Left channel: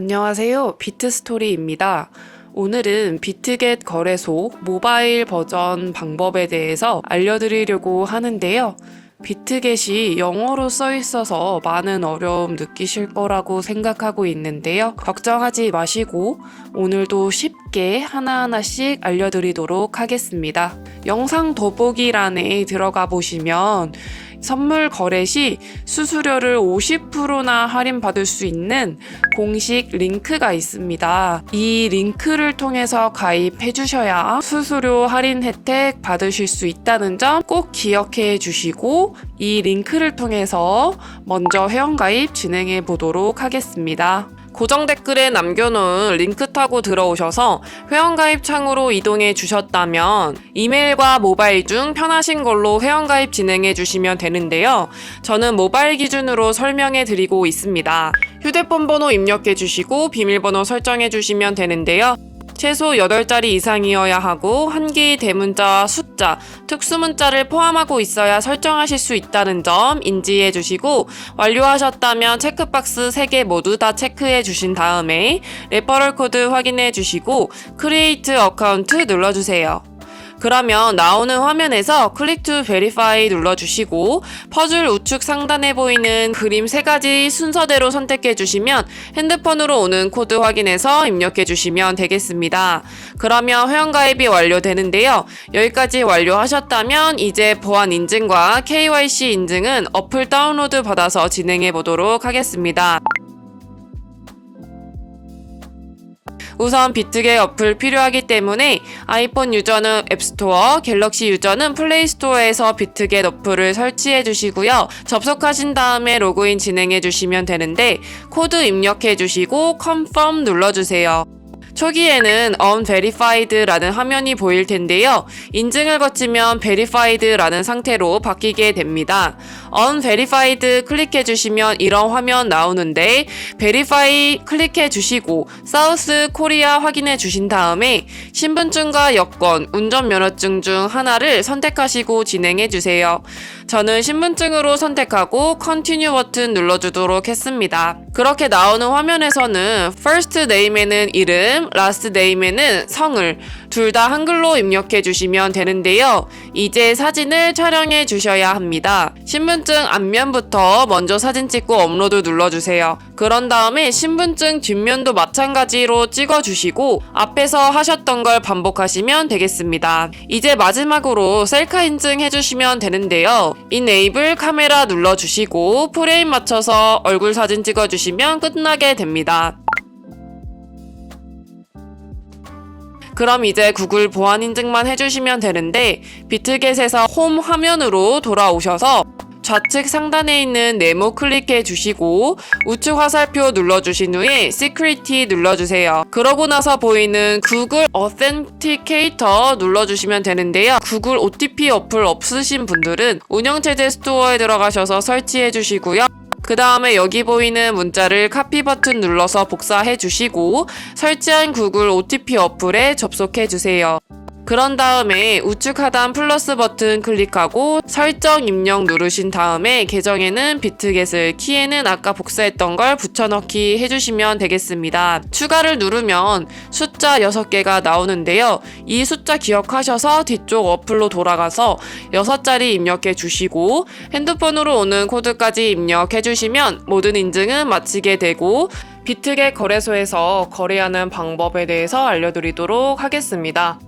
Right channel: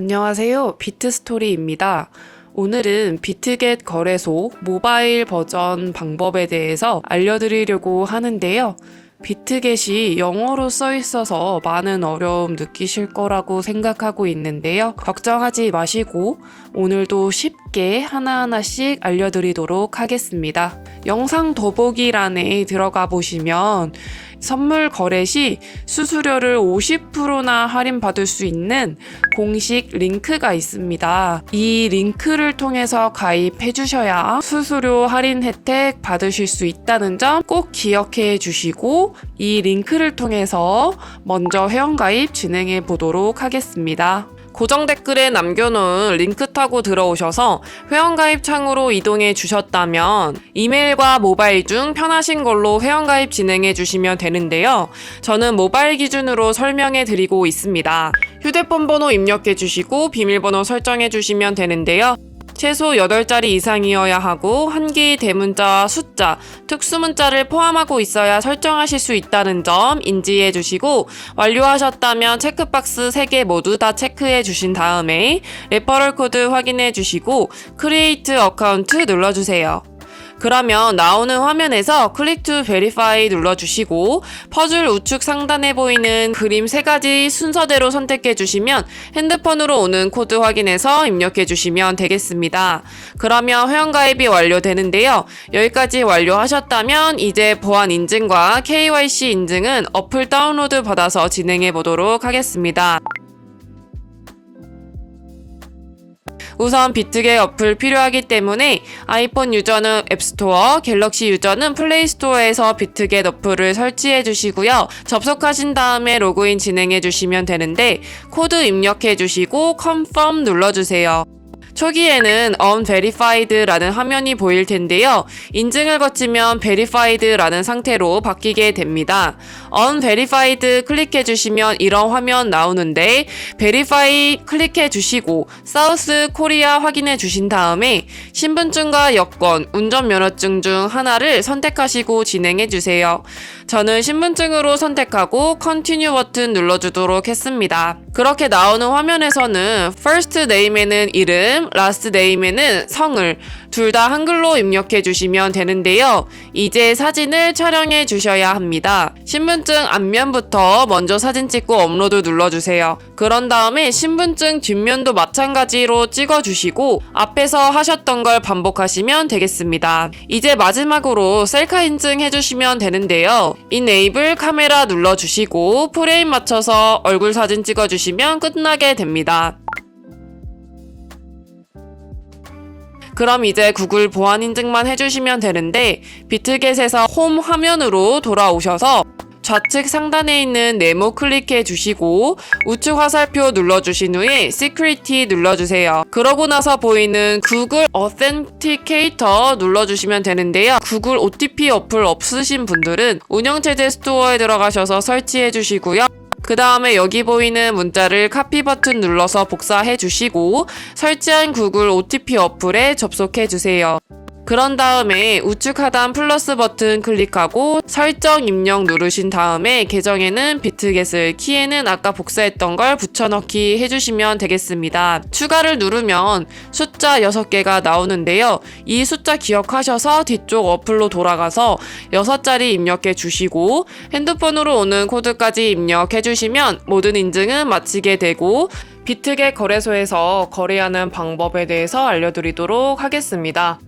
안녕하세요. 비트스토리입니다. 오늘은 비트겟 거래소 모바일 버전 방법에 대해서 알려드리려고 하는데요. 비트겟이 영어로 써 있어서 많은 어려움 느끼실 거라고 생각하고 있는데요. 걱정하지 마시고 오늘도 쉽게 하나하나씩 알려드리도록 하겠습니다. 영상 더보기란에 들어가 보시면 선물 거래 시 수수료를 50%나 할인받을 수 있는 공식 링크가 있습니다. 이 링크를 통해서 가입해 주셔야 수수료 할인 혜택 받으실 수 있다는 점 꼭 기억해 주시고 이 링크를 통해서 먼저 회원가입 진행해 보도록 하겠습니다. 고정 댓글에 남겨놓은 링크 타고 들어오셔서 회원가입 창으로 이동해 주셨다면 이메일과 모바일 중 편하신 걸로 회원가입 진행해 주시면 되는데요. 저는 모바일 기준으로 설명해 드리고 있습니다. 휴대폰 번호 입력해 주시고 비밀번호 설정해 주시면 되는데요. 최소 8자리 이상이어야 하고 한 개의 대문자, 숫자, 특수문자를 포함하고 있어야 설정하실 수 있다는 점 인지해 주시고 완료하셨다면 체크박스 3개 모두 다 체크해 주신 다음에 레퍼럴 코드 확인해 주시고 크리에이트 어카운트 눌러주세요. 그러면 나오는 화면에서 클릭 투 베리파이 눌러주시고 퍼즐 우측 상단에 보이는 그림 3가지 순서대로 선택해 주시면 핸드폰으로 오는 코드 확인해서 입력해 주시면 되겠습니다. 그러면 회원가입이 완료되는데요. 여기까지 완료하셨다면 이제 보안 인증과 KYC 인증은 어플 다운로드 받아서 진행해 보도록 하겠습니다. 우선 비트겟 어플 필요하기 때문에 아이폰 유저는 앱스토어, 갤럭시 유저는 플레이스토어에서 비트겟 어플을 설치해 주시고요. 접속하신 다음에 로그인 진행해 주시면 되는데 코드 입력해 주시고 confirm 눌러주세요. 초기에는 unverified라는 화면이 보일 텐데요. 인증을 거치면 verified라는 상태로 바뀌게 됩니다. unverified 클릭해 주시면 이런 화면 나오는데 verify 클릭해 주시고 사우스 코리아 확인해 주신 다음에 신분증과 여권, 운전면허증 중 하나를 선택하시고 진행해 주세요. 저는 신분증으로 선택하고 continue 버튼 눌러주도록 했습니다. 그렇게 나오는 화면에서는 first name에는 이름, last name에는 성을 둘 다 한글로 입력해 주시면 되는데요. 이제 사진을 촬영해 주셔야 합니다. 신분증 앞면부터 먼저 사진 찍고 업로드 눌러주세요. 그런 다음에 신분증 뒷면도 마찬가지로 찍어주시고 앞에서 하셨던 걸 반복하시면 되겠습니다. 이제 마지막으로 셀카 인증 해주시면 되는데요. Enable 카메라 눌러주시고 프레임 맞춰서 얼굴 사진 찍어주시면 끝나게 됩니다. 그럼 이제 구글 보안 인증만 해주시면 되는데 비트겟에서 홈 화면으로 돌아오셔서 좌측 상단에 있는 네모 클릭해 주시고 우측 화살표 눌러주신 후에 Security 눌러주세요. 그러고 나서 보이는 구글 Authenticator 눌러주시면 되는데요. 구글 OTP 어플 없으신 분들은 운영체제 스토어에 들어가셔서 설치해 주시고요. 그 다음에 여기 보이는 문자를 카피 버튼 눌러서 복사해 주시고 설치한 구글 OTP 어플에 접속해 주세요. 그런 다음에 우측 하단 플러스 버튼 클릭하고 설정 입력 누르신 다음에 계정에는 비트겟을, 키에는 아까 복사했던 걸 붙여넣기 해주시면 되겠습니다. 추가를 누르면 숫자 6개가 나오는데요. 이 숫자 기억하셔서 뒤쪽 어플로 돌아가서 6자리 입력해 주시고 핸드폰으로 오는 코드까지 입력해 주시면 모든 인증은 마치게 되고 비트겟 거래소에서 거래하는 방법에 대해서 알려드리도록 하겠습니다.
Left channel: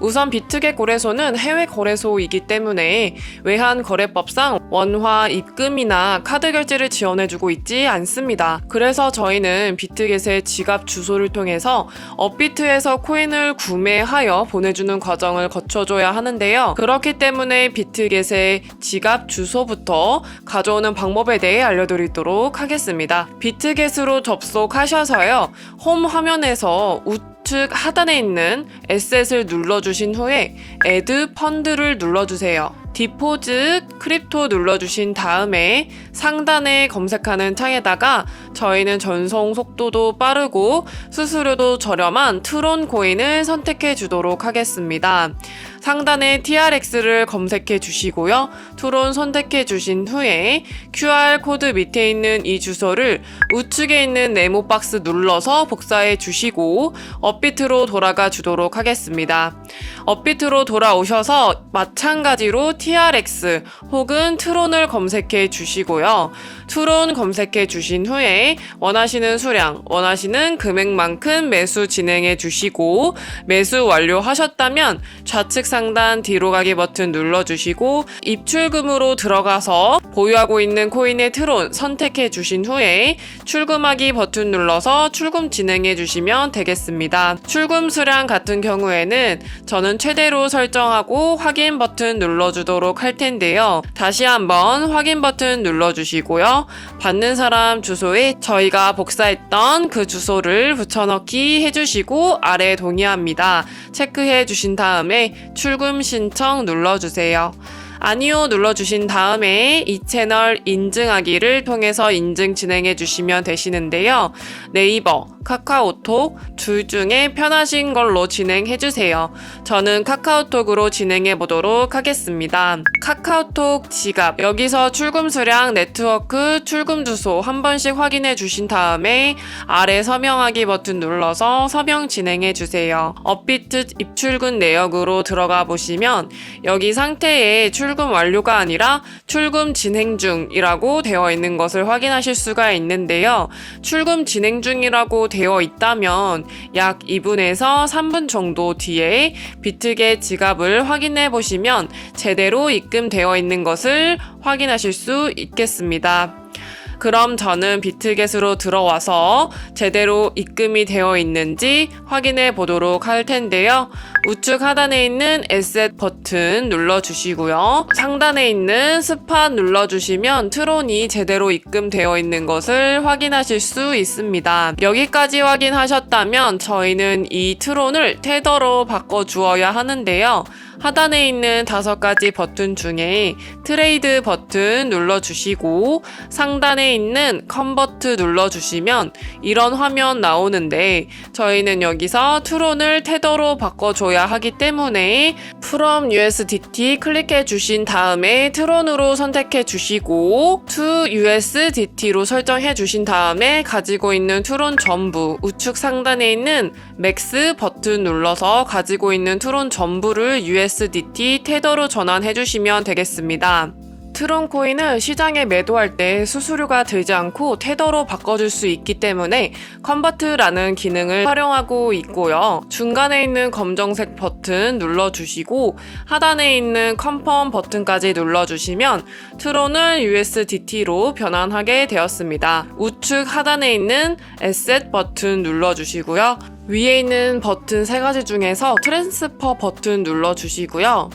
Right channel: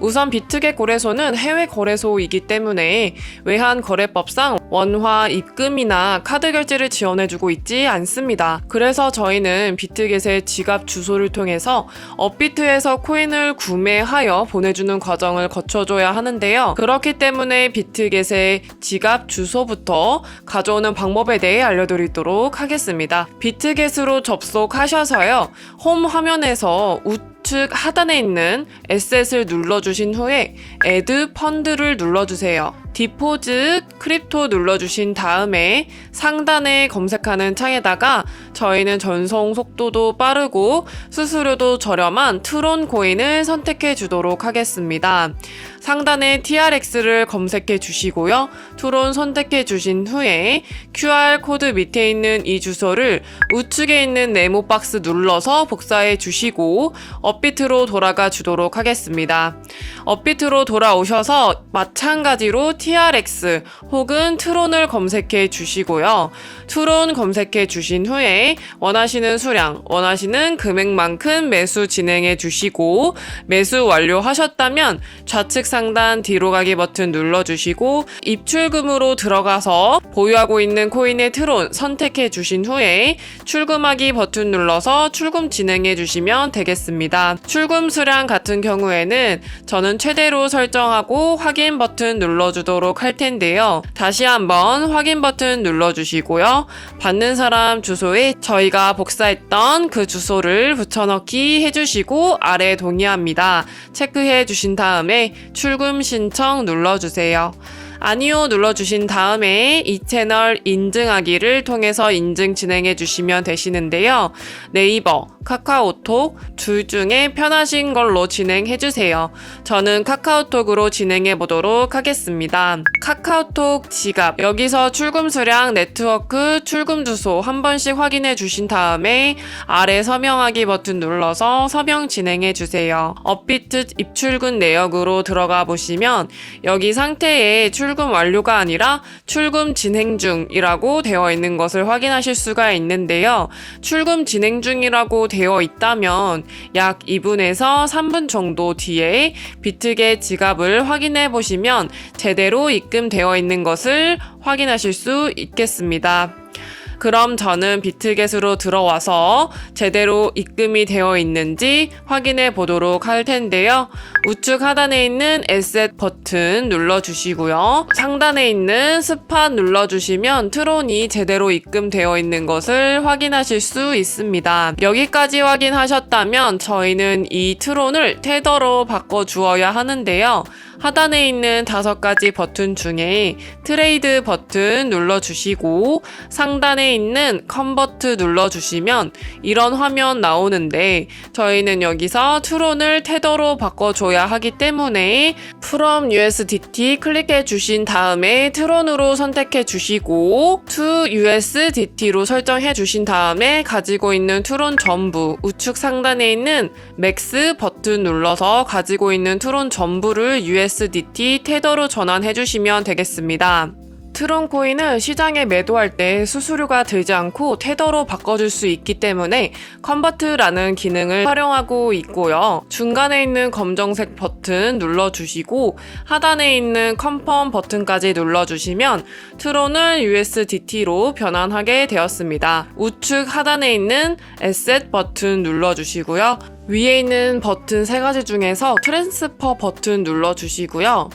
우선 비트겟 거래소는 해외 거래소이기 때문에 외환 거래법상 원화 입금이나 카드 결제를 지원해주고 있지 않습니다. 그래서 저희는 비트겟의 지갑 주소를 통해서 업비트에서 코인을 구매하여 보내주는 과정을 거쳐줘야 하는데요. 그렇기 때문에 비트겟의 지갑 주소부터 가져오는 방법에 대해 알려드리도록 하겠습니다. 비트겟으로 접속하셔서요. 홈 화면에서 우측 하단에 있는 에셋을 눌러주신 후에 Add 펀드를 눌러주세요. 디포짓 크립토 눌러주신 다음에 상단에 검색하는 창에다가 저희는 전송 속도도 빠르고 수수료도 저렴한 트론 코인을 선택해 주도록 하겠습니다. 상단에 TRX를 검색해 주시고요. 투론 선택해 주신 후에 QR코드 밑에 있는 이 주소를 우측에 있는 네모 박스 눌러서 복사해 주시고 업비트로 돌아가 주도록 하겠습니다. 업비트로 돌아오셔서 마찬가지로 TRX 혹은 트론을 검색해 주시고요. 트론 검색해 주신 후에 원하시는 수량, 원하시는 금액만큼 매수 진행해 주시고 매수 완료하셨다면 좌측 상단 뒤로 가기 버튼 눌러주시고 입출금으로 들어가서 보유하고 있는 코인의 트론 선택해 주신 후에 출금하기 버튼 눌러서 출금 진행해 주시면 되겠습니다. 출금 수량 같은 경우에는 저는 최대로 설정하고 확인 버튼 눌러주도록 할 텐데요. 다시 한번 확인 버튼 눌러주시고요. 받는 사람 주소에 저희가 복사했던 그 주소를 붙여넣기 해주시고 아래 동의합니다. 체크해 주신 다음에 출금 신청 눌러주세요. 아니요 눌러주신 다음에 이 채널 인증하기를 통해서 인증 진행해 주시면 되시는데요. 네이버, 카카오톡 둘 중에 편하신 걸로 진행해 주세요. 저는 카카오톡으로 진행해 보도록 하겠습니다. 카카오톡 지갑, 여기서 출금 수량, 네트워크, 출금 주소 한 번씩 확인해 주신 다음에 아래 서명하기 버튼 눌러서 서명 진행해 주세요. 업비트 입출금 내역으로 들어가 보시면 여기 상태에 출금 완료가 아니라 출금 진행 중이라고 되어 있는 것을 확인하실 수가 있는데요. 출금 진행 중이라고 되어 있다면 약 2분에서 3분 정도 뒤에 비트겟 지갑을 확인해 보시면 제대로 입금되어 있는 것을 확인하실 수 있겠습니다. 그럼 저는 비트겟으로 들어와서 제대로 입금이 되어 있는지 확인해 보도록 할 텐데요. 우측 하단에 있는 에셋 버튼 눌러주시고요. 상단에 있는 스팟 눌러주시면 트론이 제대로 입금되어 있는 것을 확인하실 수 있습니다. 여기까지 확인하셨다면 저희는 이 트론을 테더로 바꿔주어야 하는데요. 하단에 있는 5가지 버튼 중에 트레이드 버튼 눌러주시고 상단에 있는 컨버트 눌러주시면 이런 화면 나오는데 저희는 여기서 트론을 테더로 바꿔줘야 하기 때문에 From USDT 클릭해 주신 다음에 트론으로 선택해 주시고 To USDT로 설정해 주신 다음에 가지고 있는 트론 전부 우측 상단에 있는 맥스 버튼 눌러서 가지고 있는 트론 전부를 USDT 테더로 전환해 주시면 되겠습니다. 트론 코인은 시장에 매도할 때 수수료가 들지 않고 테더로 바꿔줄 수 있기 때문에 컨버트라는 기능을 활용하고 있고요. 중간에 있는 검정색 버튼 눌러주시고 하단에 있는 컨펌 버튼까지 눌러주시면 트론은 USDT로 변환하게 되었습니다. 우측 하단에 있는 에셋 버튼 눌러주시고요. 위에 있는 버튼 3가지 중에서 트랜스퍼 버튼 눌러주시고요.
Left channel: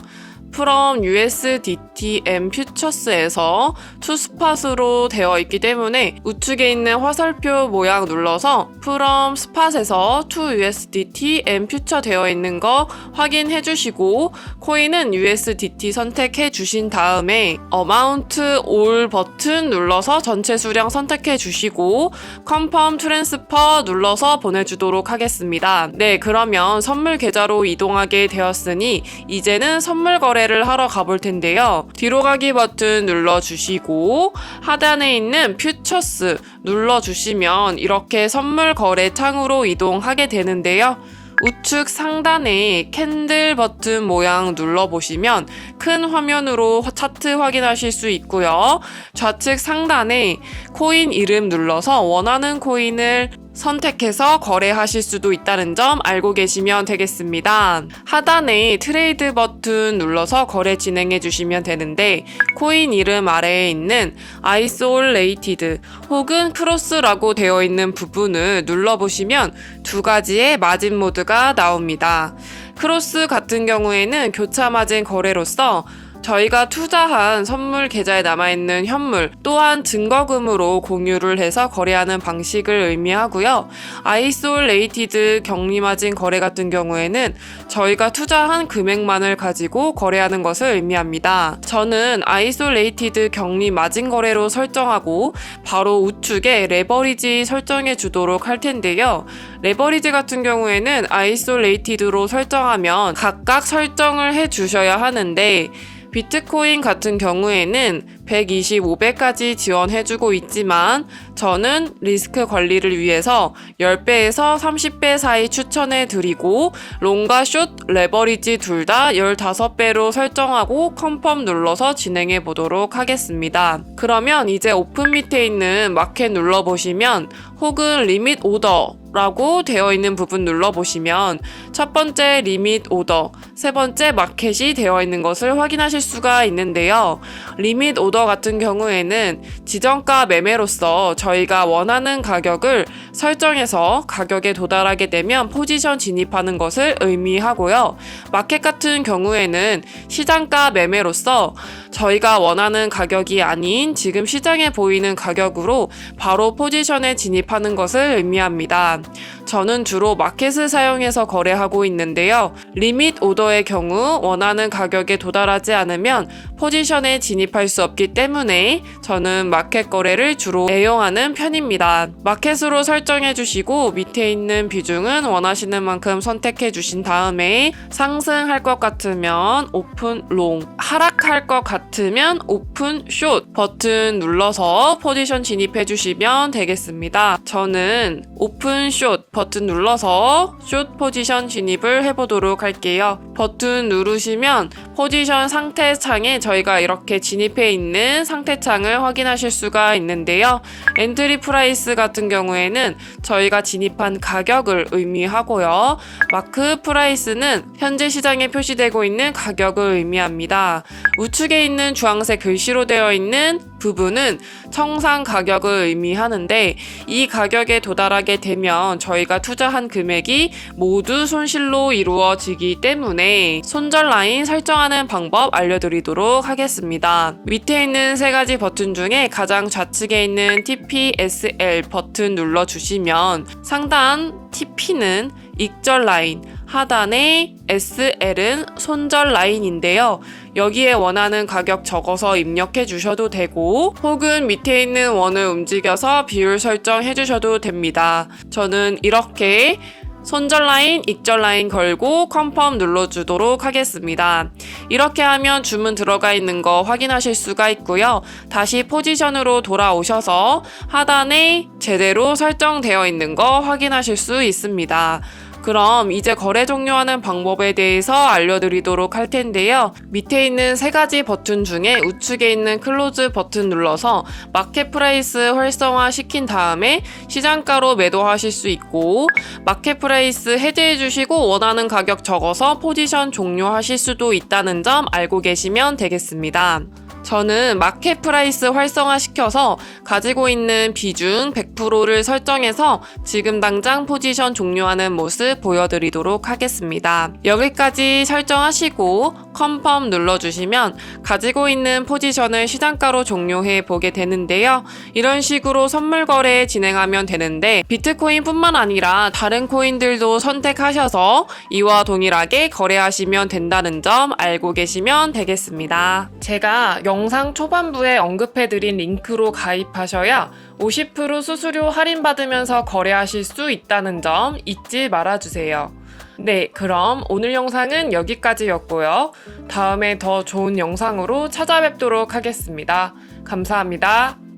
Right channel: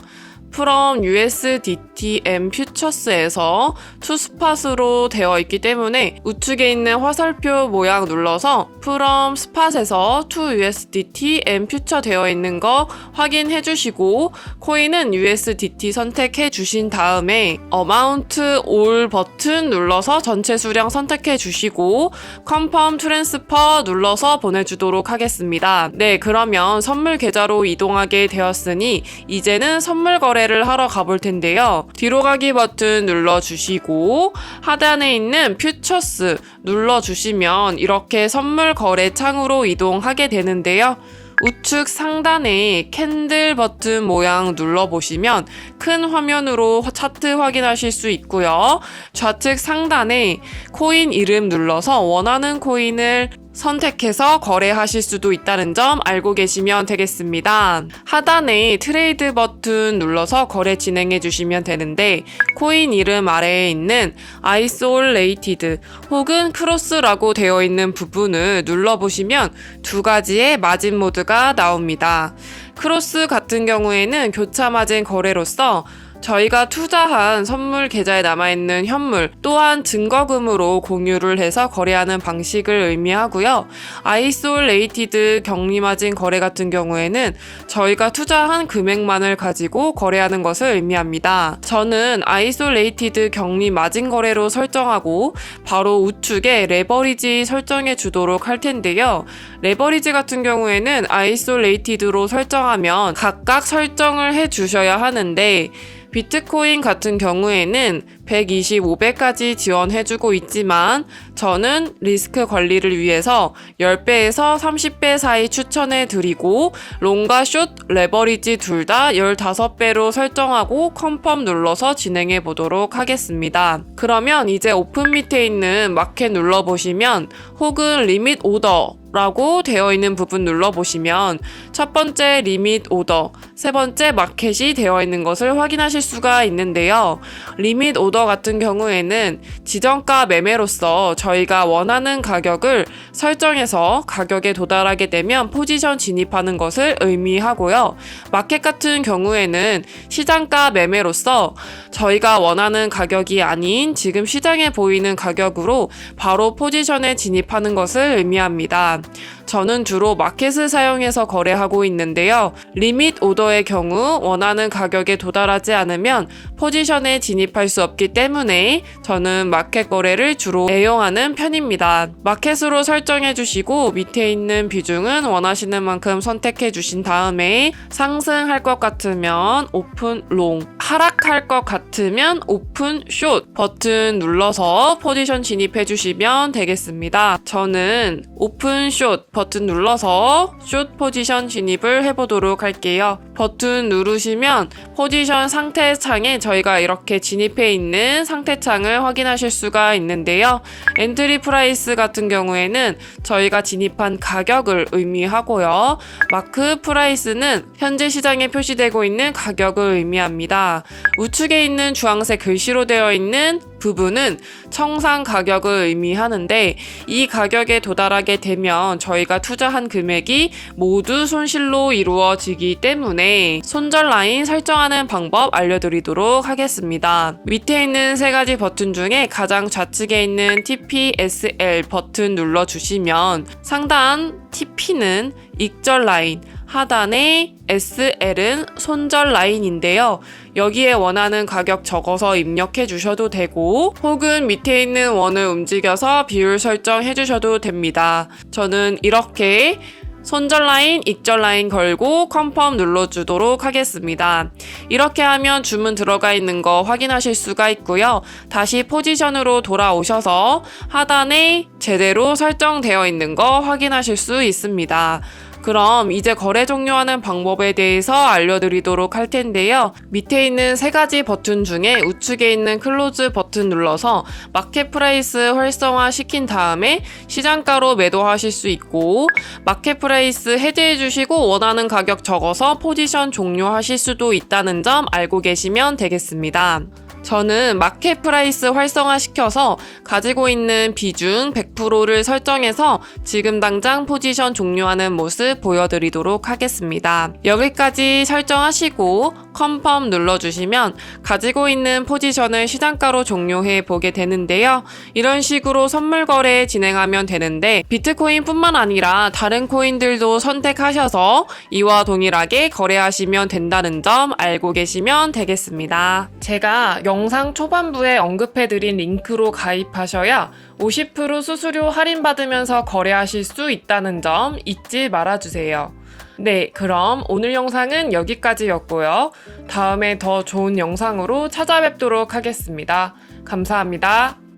From USDT and Futures에서 투스팟으로 되어 있기 때문에 우측에 있는 화살표 모양 눌러서 From Spot에서 To USDT and Future 되어 있는 거 확인해 주시고 코인은 USDT 선택해 주신 다음에 Amount All 버튼 눌러서 전체 수량 선택해 주시고 Confirm Transfer 눌러서 보내주도록 하겠습니다. 네, 그러면 선물 계좌로 이동하게 되었으니 이제는 선물 거래를 하러 가볼 텐데요. 뒤로 가기 버튼 눌러주시고 하단에 있는 퓨처스 눌러주시면 이렇게 선물 거래 창으로 이동하게 되는데요. 우측 상단에 캔들 버튼 모양 눌러보시면 큰 화면으로 차트 확인하실 수 있고요. 좌측 상단에 코인 이름 눌러서 원하는 코인을 선택해서 거래하실 수도 있다는 점 알고 계시면 되겠습니다. 하단에 트레이드 버튼 눌러서 거래 진행해 주시면 되는데 코인 이름 아래에 있는 Isolated 혹은 크로스라고 되어 있는 부분을 눌러보시면 2가지의 마진 모드가 나옵니다. 크로스 같은 경우에는 교차 마진 거래로서 저희가 투자한 선물 계좌에 남아있는 현물 또한 증거금으로 공유를 해서 거래하는 방식을 의미하고요. 아이솔레이티드 격리마진 거래 같은 경우에는 저희가 투자한 금액만을 가지고 거래하는 것을 의미합니다. 저는 아이솔레이티드 격리마진 거래로 설정하고 바로 우측에 레버리지 설정해 주도록 할 텐데요. 레버리지 같은 경우에는 아이솔레이티드로 설정하면 각각 설정을 해 주셔야 하는데 비트코인 같은 경우에는 125배까지 지원해주고 있지만 저는 리스크 관리를 위해서 10배에서 30배 사이 추천해드리고 롱과 숏, 레버리지 둘 다 15배로 설정하고 컨펌 눌러서 진행해 보도록 하겠습니다. 그러면 이제 오픈 밑에 있는 마켓 눌러보시면 혹은 리밋 오더 라고 되어 있는 부분 눌러보시면 첫 번째 리밋 오더, 세 번째 마켓이 되어 있는 것을 확인하실 수가 있는데요. 리밋 오더 같은 경우에는 지정가 매매로서 저희가 원하는 가격을 설정해서 가격에 도달하게 되면 포지션 진입하는 것을 의미하고요. 마켓 같은 경우에는 시장가 매매로서 저희가 원하는 가격이 아닌 지금 시장에 보이는 가격으로 바로 포지션에 진입하는 것을 의미합니다. 저는 주로 마켓을 사용해서 거래하고 있는데요. 리밋 오더의 경우 원하는 가격에 도달하지 않으면 포지션에 진입할 수 없기 때문에 저는 마켓 거래를 주로 애용하는 편입니다. 마켓으로 설정해 주시고 밑에 있는 비중은 원하시는 만큼 선택해 주신 다음에 상승할 것 같으면 오픈 롱, 하락할 것 같으면 오픈 숏 버튼 눌러서 포지션 진입해 주시면 되겠습니다. 저는 오픈 숏 버튼 눌러서 숏 포지션 진입을 해보도록 할게요. 버튼 누르시면 포지션 상태 창에 저희가 이렇게 진입해 있는 상태 창을 확인하실 수가 있는데요. 엔트리 프라이스 같은 경우에는 저희가 진입한 가격을 의미하고요. 마크 프라이스는 현재 시장에 표시되고 있는 가격을 의미합니다. 우측에 있는 주황색 글씨로 되어 있는 부분은 청산 가격을 의미하는데 이 가격에 도달하게 되면 저희가 투자한 금액이 모두 손실로 이루어지기 때문에 손절 라인 설정하는 방법 알려드리도록 하겠습니다. 밑에 있는 세 가지 버튼 중에 가장 좌측에 있는 TPSL 버튼 눌러주시면 상단 TP는 익절 라인, 하단의 SL은 손절 라인인데요. 여기에 원하는 가격 적어서 입력해 주셔도 되고 혹은 밑에 있는 원을 움직여서 비율 설정해 주셔도 됩니다. 저는 이렇게 손절 라인, 익절 라인 걸고 컨펌 눌러주도록 하겠습니다. 이렇게 하면 주문 들어가 있는 거 확인하실 수가 있고요. 다시 포지션으로 돌아오셔서 하단에 제대로 설정되어 있는 거 확인하실 수 있습니다. 그럼 이제 거래 종료하는 방법에 대해서 알려드리도록 할 텐데요. 밑에 있는 세 가지 버튼 중에 우측에 있는 클로즈 버튼 눌러서 마켓 프라이스 활성화 시킨 다음에 시장가로 매도하실 수 있고 마켓 프라이스 해제해 주시고 원하는 가격 적어서 포지션 종료하실 수도 있다는 점 알고 계시면 되겠습니다. 저는 마켓 프라이스 활성화시켜서 가지고 있는 비중 100%를 설정해서 지금 당장 포지션 종료하는 모습 보여드리도록 하겠습니다. 여기까지 설정하시고 컨펌 눌러주시면 가지고 있는 포지션을 시장가로 종료해 보게 되는데요. 이런 식으로 선물 거래 진행하면 되는데 비트코인 뿐만 아니라 다른 코인들도 선택하셔서 이와 동일하게 거래하시면 된다는 점 알고 계시면 되겠습니다. 제가 영상 초반부에 언급해드린 링크로 가입하셔야 50% 수수료 할인받으면서 거래하실 수 있다는 점 잊지 말아주세요. 네, 그럼 오늘 영상은 여기까지였고요. 다음에 더 좋은 영상으로 찾아뵙도록 하겠습니다. 감사합니다.